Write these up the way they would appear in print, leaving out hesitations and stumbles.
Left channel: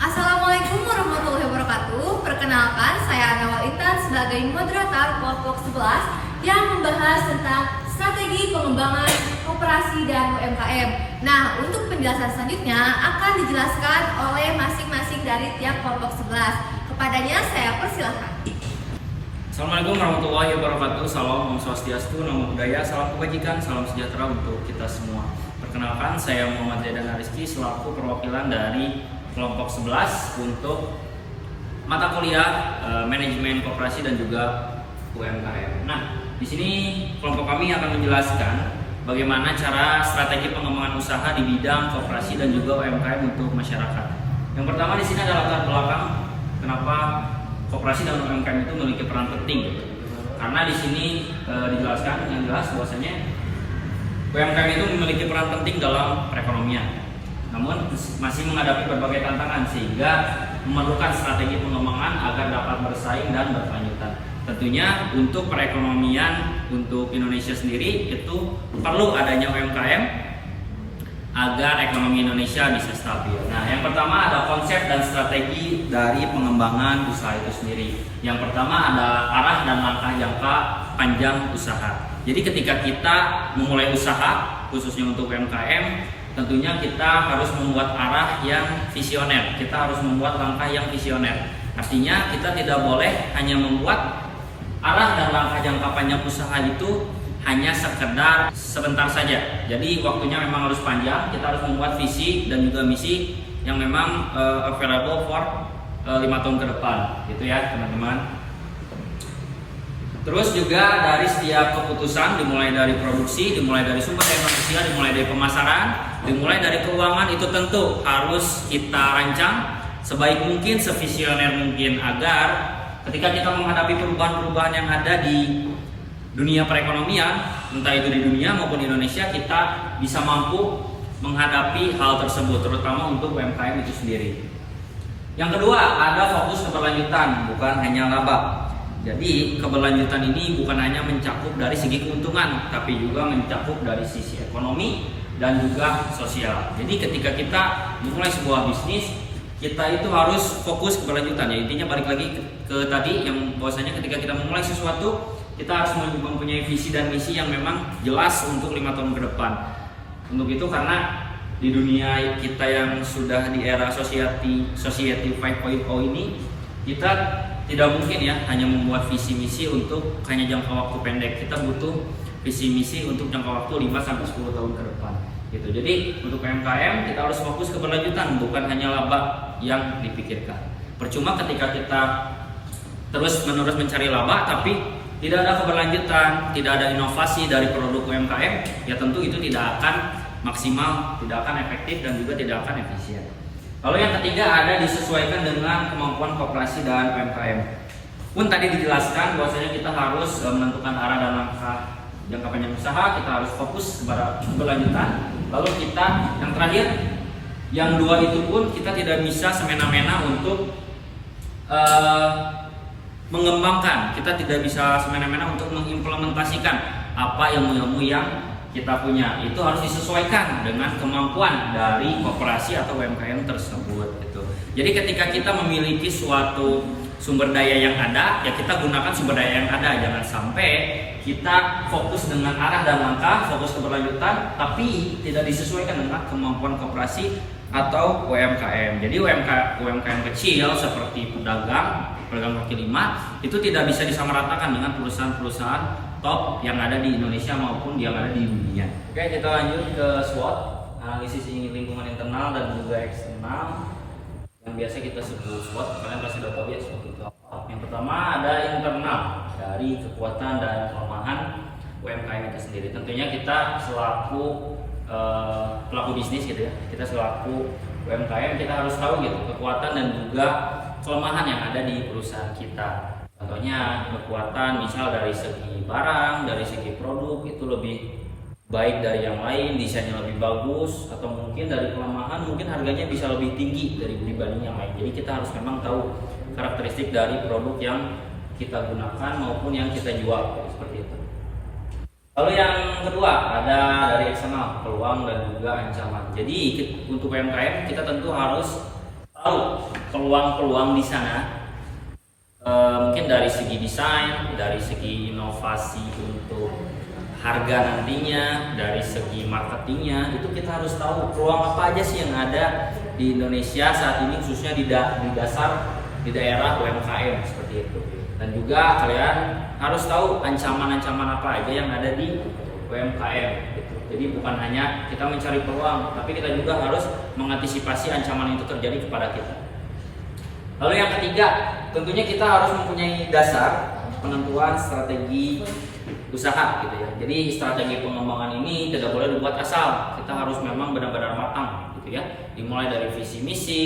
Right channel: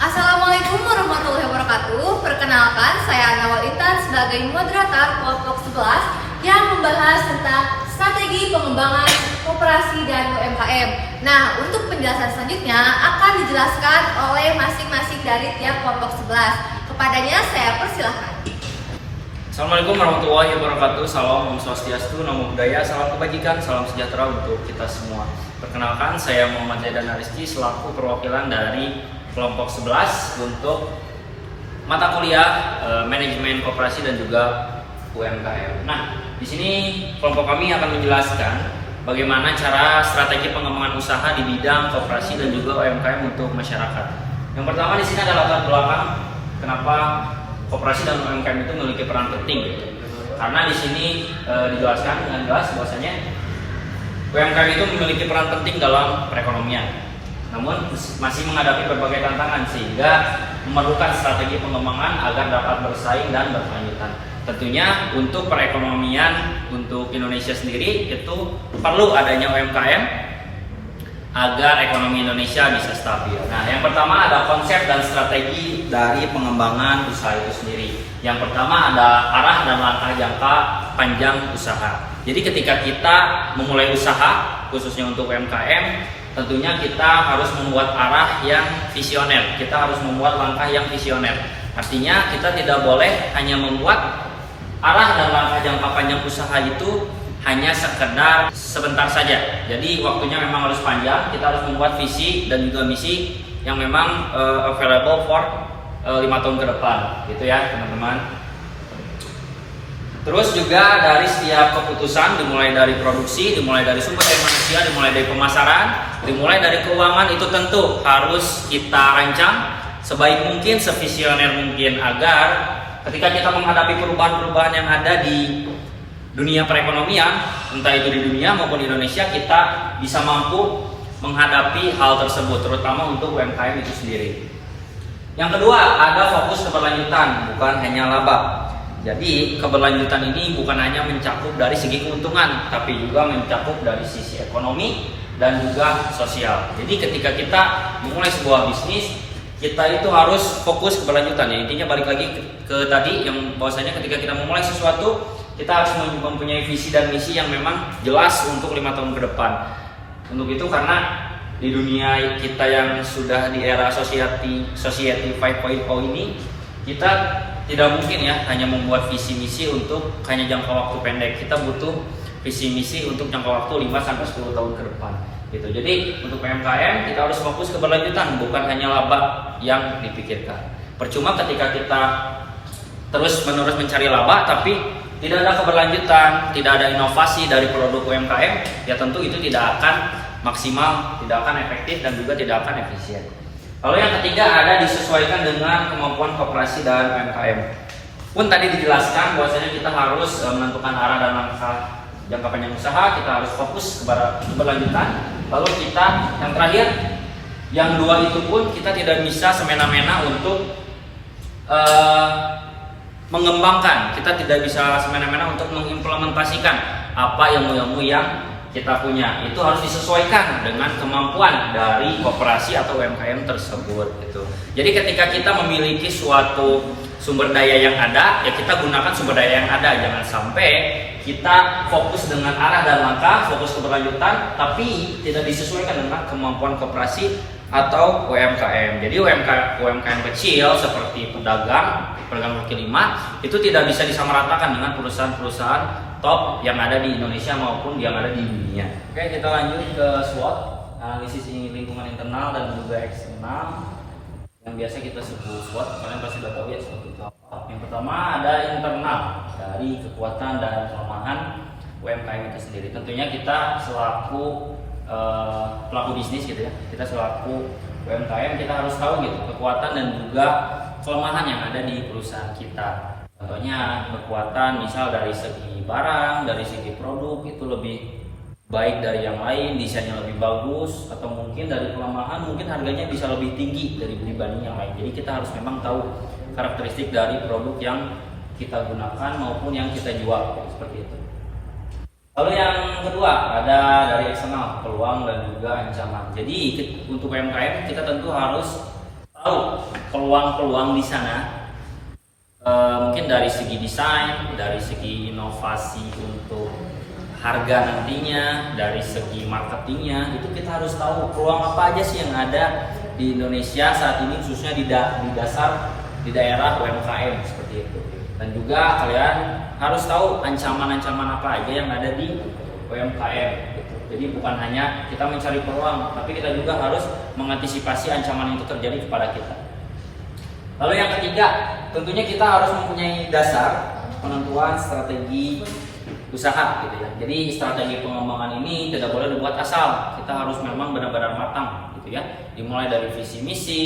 Assalamualaikum warahmatullahi wabarakatuh. Perkenalkan, saya Nawal Intan sebagai moderator kelompok 11 yang membahas tentang strategi pengembangan koperasi dan UMKM. Nah, untuk penjelasan selanjutnya akan dijelaskan oleh masing-masing dari tiap kelompok 11. Kepadanya saya persilahkan. Assalamualaikum warahmatullahi wabarakatuh. Salam Om Swastiastu, Namo Buddhaya, salam kebajikan, salam sejahtera untuk kita semua. Perkenalkan, saya Muhammad Zaidan Ariski selaku perwakilan dari kelompok 11 untuk mata kuliah manajemen koperasi dan juga UMKM. Nah, di sini kelompok kami akan menjelaskan bagaimana cara strategi pengembangan usaha di bidang koperasi dan juga UMKM untuk masyarakat. Yang pertama di sini adalah latar belakang kenapa koperasi dan UMKM itu memiliki peran penting. Karena di sini dijelaskan dengan jelas bahwasanya UMKM itu memiliki peran penting dalam perekonomian. Namun masih menghadapi berbagai tantangan sehingga memerlukan strategi pengembangan agar dapat bersaing dan berkelanjutan. Tentunya untuk perekonomian untuk Indonesia sendiri itu perlu adanya UMKM agar ekonomi Indonesia bisa stabil. Nah, yang pertama ada konsep dan strategi dari pengembangan usaha itu sendiri. Yang pertama ada arah dan langkah jangka panjang usaha. Jadi ketika kita memulai usaha, khususnya untuk UMKM, tentunya kita harus membuat arah yang visioner. Kita harus membuat langkah yang visioner. Artinya kita tidak boleh hanya membuat arah dan langkah jangka panjang usaha itu hanya sekedar sebentar saja. Jadi waktunya memang harus panjang. Kita harus membuat visi dan juga misi yang memang available for 5 tahun ke depan, gitu ya teman-teman. Terus juga dari setiap keputusan, dimulai dari produksi, dimulai dari sumber daya manusia, dimulai dari pemasaran, dimulai dari keuangan, itu tentu harus kita rancang sebaik mungkin, sevisioner mungkin, agar ketika kita menghadapi perubahan-perubahan yang ada di dunia perekonomian, entah itu di dunia maupun di Indonesia, kita bisa mampu menghadapi hal tersebut, terutama untuk UMKM itu sendiri. Yang kedua, ada fokus keberlanjutan, bukan hanya laba. Jadi keberlanjutan ini bukan hanya mencakup dari segi keuntungan, tapi juga mencakup dari sisi ekonomi dan juga sosial. Jadi ketika kita memulai sebuah bisnis, kita itu harus fokus keberlanjutan. Ya, intinya balik lagi ke tadi yang bahwasanya ketika kita memulai sesuatu, kita harus mempunyai visi dan misi yang memang jelas untuk 5 tahun ke depan. Untuk itu karena di dunia kita yang sudah di era society 5.0 ini, kita tidak mungkin ya hanya membuat visi misi untuk hanya jangka waktu pendek. Kita butuh visi misi untuk jangka waktu 5-10 tahun ke depan gitu. Jadi untuk UMKM kita harus fokus keberlanjutan, bukan hanya laba yang dipikirkan. Percuma ketika kita terus menerus mencari laba tapi tidak ada keberlanjutan, tidak ada inovasi dari produk UMKM, ya tentu itu tidak akan maksimal, tidak akan efektif dan juga tidak akan efisien. Lalu yang ketiga ada disesuaikan dengan kemampuan koperasi dan UMKM. Pun tadi dijelaskan bahwasanya kita harus menentukan arah dan langkah jangka panjang usaha, kita harus fokus kepada keberlanjutan. Lalu kita yang terakhir, yang dua itu pun kita tidak bisa semena-mena untuk mengembangkan. Kita tidak bisa semena-mena untuk mengimplementasikan apa ilmu-ilmu yang kita punya. Itu harus disesuaikan dengan kemampuan dari koperasi atau UMKM tersebut gitu. Jadi ketika kita memiliki suatu sumber daya yang ada, ya kita gunakan sumber daya yang ada. Jangan sampai kita fokus dengan arah dan langkah, fokus keberlanjutan, tapi tidak disesuaikan dengan kemampuan koperasi atau UMKM. Jadi UMKM kecil seperti pedagang kaki lima itu tidak bisa disamaratakan dengan perusahaan-perusahaan top yang ada di Indonesia maupun yang ada di dunia. Oke, kita lanjut ke SWOT, analisis lingkungan internal dan juga eksternal, yang biasa kita sebut SWOT. Kalian pasti sudah tahu ya SWOT itu apa. Yang pertama ada internal, dari kekuatan dan kelemahan UMKM itu sendiri. Tentunya kita selaku pelaku bisnis gitu ya, kita selaku UMKM kita harus tahu gitu kekuatan dan juga kelemahan yang ada di perusahaan kita. Contohnya kekuatan misal dari segi barang, dari segi produk itu lebih baik dari yang lain, desainnya lebih bagus, atau mungkin dari kelemahan mungkin harganya bisa lebih tinggi dari dibanding yang lain. Jadi kita harus memang tahu karakteristik dari produk yang kita gunakan maupun yang kita jual, seperti itu. Lalu yang kedua ada dari eksternal, peluang dan juga ancaman. Jadi untuk UMKM kita tentu harus tahu peluang-peluang di sana. Mungkin dari segi desain, dari segi inovasi untuk harga nantinya, dari segi marketingnya, itu kita harus tahu peluang apa aja sih yang ada di Indonesia saat ini, khususnya di daerah UMKM seperti itu. Dan juga kalian harus tahu ancaman-ancaman apa aja yang ada di UMKM gitu. Jadi bukan hanya kita mencari peluang, tapi kita juga harus mengantisipasi ancaman itu terjadi kepada kita. Lalu yang ketiga, tentunya kita harus mempunyai dasar penentuan strategi usaha gitu ya. Jadi strategi pengembangan ini tidak boleh dibuat asal. Kita harus memang benar-benar matang gitu ya. Dimulai dari visi misi,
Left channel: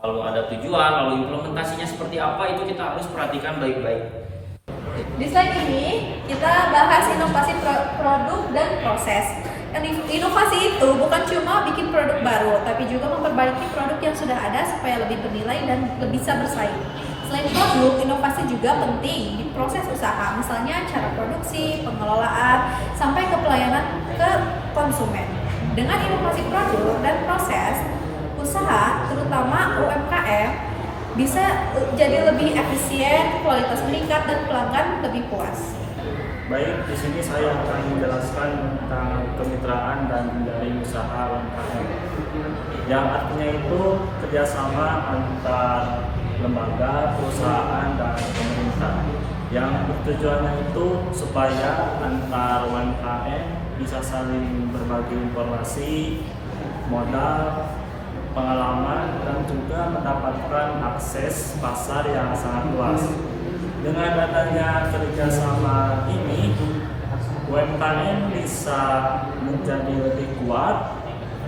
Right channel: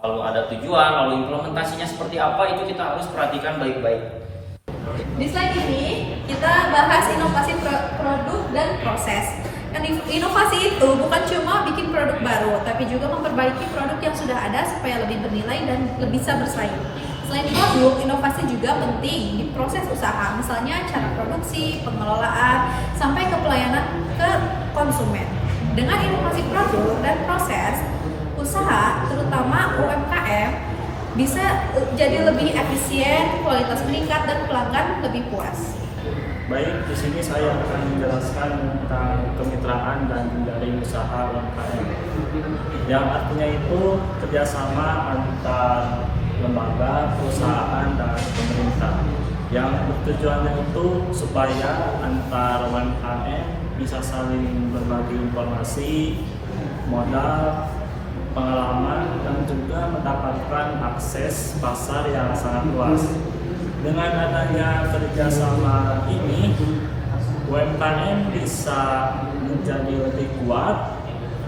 lalu ada tujuan, lalu implementasinya seperti apa, itu kita harus perhatikan baik-baik. Di slide ini kita bahas inovasi produk dan proses. Inovasi itu bukan cuma bikin produk baru, tapi juga memperbaiki produk yang sudah ada supaya lebih bernilai dan lebih bisa bersaing. Selain produk, inovasi juga penting di proses usaha, misalnya cara produksi, pengelolaan, sampai ke pelayanan ke konsumen. Dengan inovasi produk dan proses, usaha, terutama UMKM, bisa jadi lebih efisien, kualitas meningkat, dan pelanggan lebih puas. Baik, di sini saya akan menjelaskan tentang kemitraan dan jejaring usaha UMKM. Yang artinya itu kerjasama antar lembaga, perusahaan, dan pemerintah. Yang bertujuannya itu supaya antar UMKM bisa saling berbagi informasi, modal, pengalaman, dan juga mendapatkan akses pasar yang sangat luas. Dengan adanya kerjasama ini, UMKM bisa menjadi lebih kuat,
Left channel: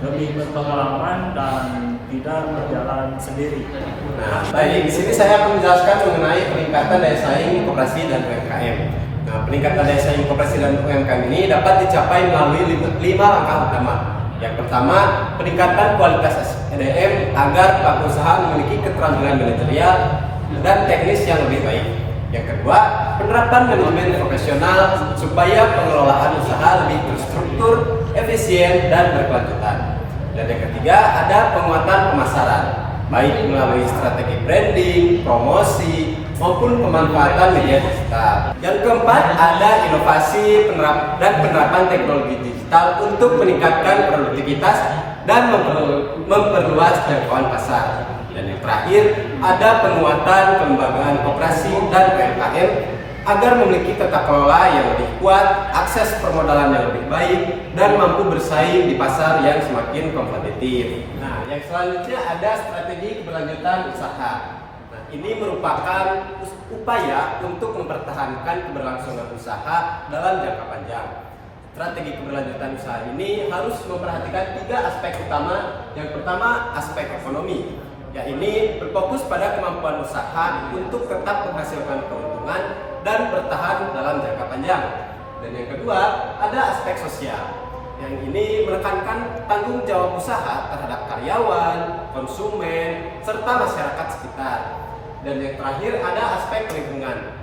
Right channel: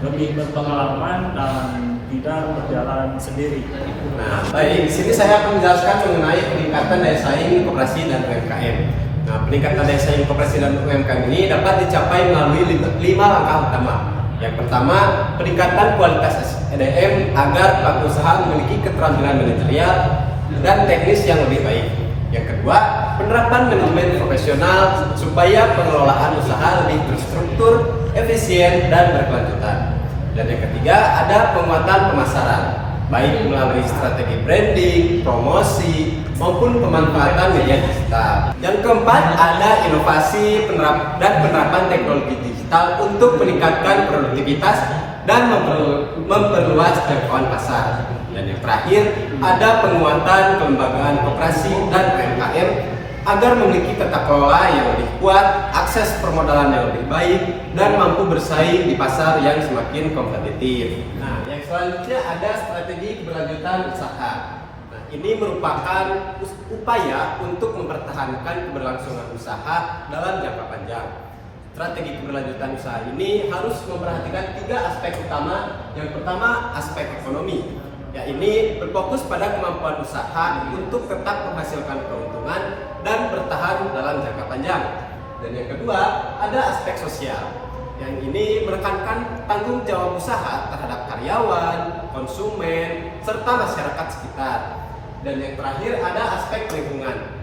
lebih berpengalaman, dan tidak berjalan sendiri. Nah, baik, di sini saya akan menjelaskan mengenai peningkatan daya saing koperasi dan UMKM. Nah, peningkatan daya saing koperasi dan UMKM ini dapat dicapai melalui 5 langkah utama. Yang pertama, peningkatan kualitas SDM agar pelaku usaha memiliki keterampilan manajerial dan teknis yang lebih baik. Yang kedua, penerapan manajemen profesional supaya pengelolaan usaha lebih terstruktur, efisien, dan berkelanjutan. Dan yang ketiga, ada penguatan pemasaran, baik melalui strategi branding, promosi, maupun pemanfaatan media digital. Yang keempat, ada inovasi dan penerapan teknologi digital untuk meningkatkan produktivitas dan memperluas jangkauan pasar. Dan yang terakhir, ada penguatan kelembagaan koperasi dan UMKM agar memiliki tata kelola yang lebih kuat, akses permodalan yang lebih baik, dan mampu bersaing di pasar yang semakin kompetitif. Nah, yang selanjutnya ada strategi keberlanjutan usaha. Nah, ini merupakan upaya untuk mempertahankan keberlangsungan usaha dalam jangka panjang. Strategi keberlanjutan usaha ini harus memperhatikan 3 aspek utama. Yang pertama, aspek ekonomi. Ya, ini berfokus pada kemampuan usaha untuk tetap menghasilkan keuntungan dan bertahan dalam jangka panjang. Dan yang kedua, ada aspek sosial. Yang ini menekankan tanggung jawab usaha terhadap karyawan, konsumen, serta masyarakat sekitar. Dan yang terakhir, ada aspek lingkungan.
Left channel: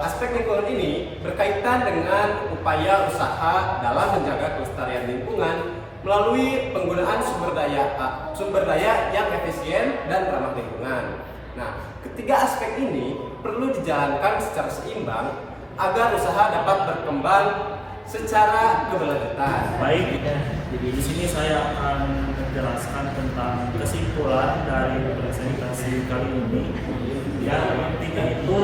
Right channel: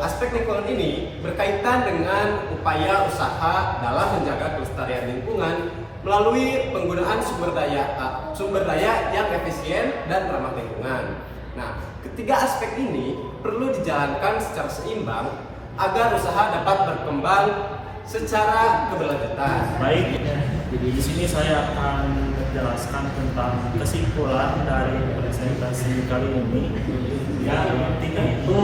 Aspek lingkungan ini berkaitan dengan upaya usaha dalam menjaga kelestarian lingkungan melalui penggunaan sumber daya yang efisien dan ramah lingkungan. Nah, ketiga aspek ini perlu dijalankan secara seimbang agar usaha dapat berkembang secara keberlanjutan. Baik, jadi di sini saya akan menjelaskan tentang kesimpulan dari presentasi kali ini. Yang intinya itu,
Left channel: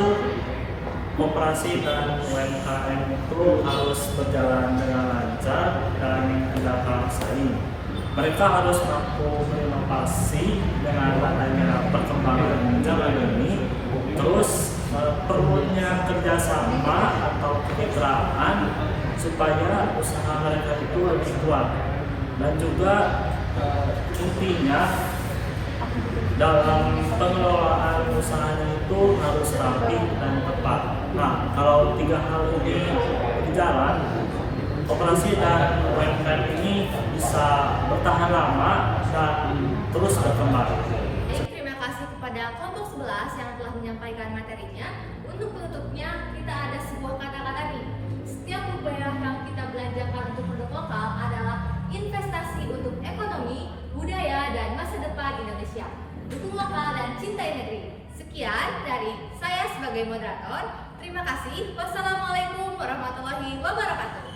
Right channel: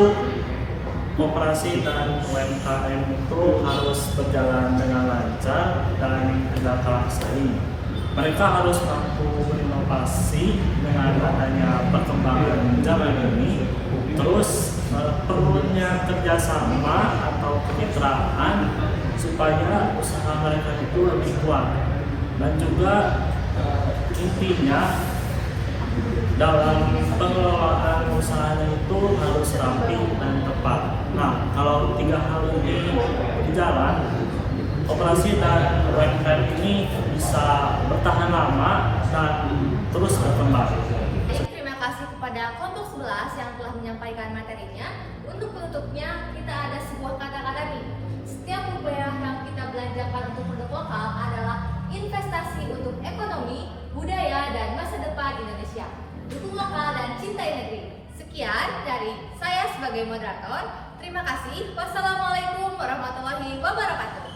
koperasi dan UMKM itu harus berjalan dengan lancar dan tidak kalah saing. Mereka harus mampu berinovasi dengan adanya perkembangan zaman ini. Terus perlunya kerjasama atau kemitraan supaya usaha mereka itu lebih kuat. Dan juga intinya dalam pengelolaan usahanya itu harus rapi dan tepat. Nah, kalau 3 hal ini berjalan, koperasi dan UMKM ini bisa bertahan lama dan terus berkembang. Terima kasih kepada kelompok 11 yang telah menyampaikan materinya. Untuk penutupnya, kita ada sebuah kata-kata nih. Setiap rupiah yang kita belanjakan untuk produk lokal adalah investasi untuk ekonomi, budaya, dan masa depan Indonesia. Dukung lokal dan cintai negeri. Sekian dari saya sebagai moderator. Terima kasih. Wassalamualaikum warahmatullahi wabarakatuh.